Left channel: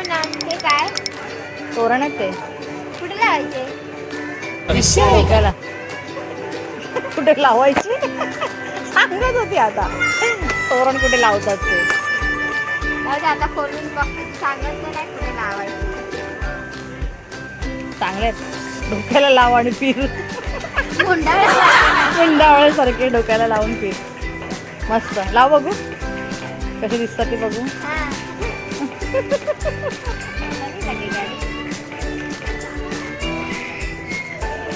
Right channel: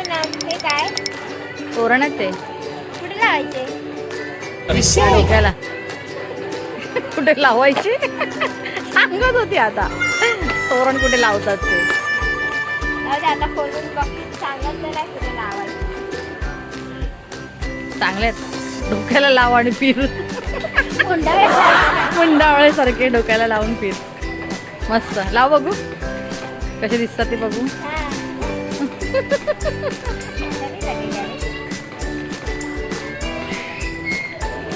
हो ना काय? तोरण आहेत ते कुठे लावायचे? डोक्याला कुठे लावायची? सांगत होती आता. तोरण कुठे लावतात ते? जाऊ दे आता खोलून बघ सांगत तर नाही कुठे लावायचे. चांगले आहेत. डोक्याला लाव आणि फिर. मुंडावे डोक्याला लावून फिर. मस्त. लाव बघू. कशी दिसतात ते बघू.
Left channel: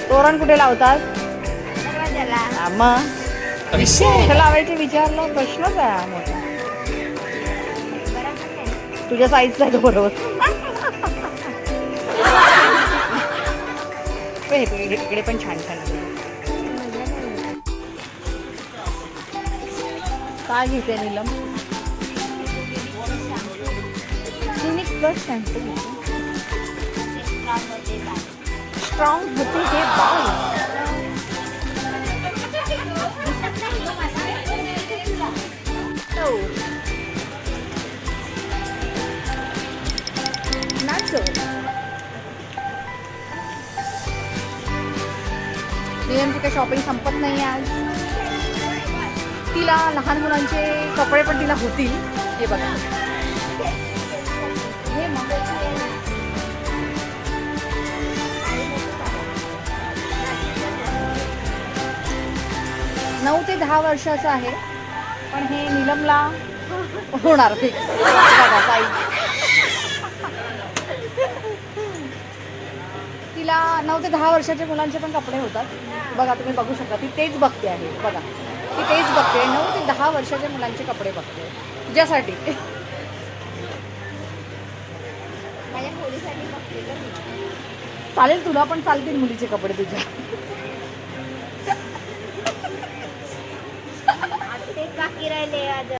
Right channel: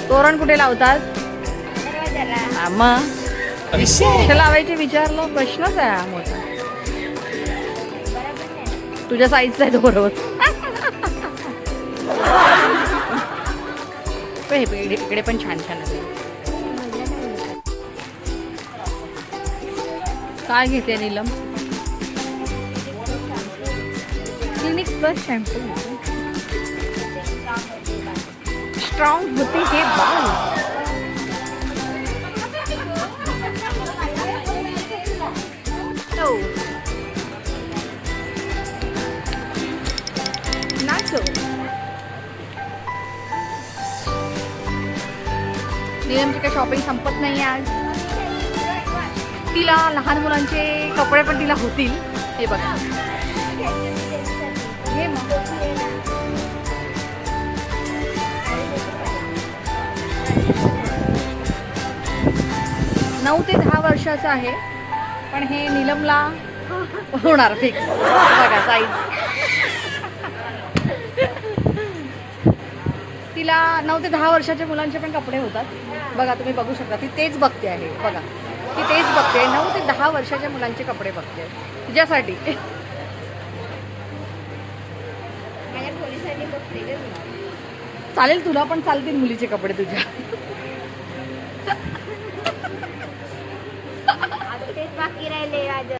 तोरण कुठे लावतात? मग? कुठे लावायचे विचारलं प्रश्नच आहे हा मोठा. तुझ्या साईजचा आहे तो बरोबर. हे इकडे पण छान छान आहे. काय घेते Neelam? Clinic Plus shampoo strong होते हे बाल नाचो नियमची काही शॉपिंग संपत नाही आज. तिला लहान मुलांचे कपडे पण तिला होतील. हे बघा. हे मग नऊ ते दहा वर्षाचं आहे पण हे निलमला होणार फिक्स बघा साईज तिला नऊ ते दहा वर्षाच्या मुलांचे पण कपडे होतात. बघा तुम्ही बघू शकता ती तेच बघते आहे बघा. ती तेच बघते नऊ ते दहा वर्षाच्या मुलांचे कपडे बघते. तिच्यासाठी चालेल तुला पण चालतील मुलीचे कपडे तुझ्या. बाकी राहिले आज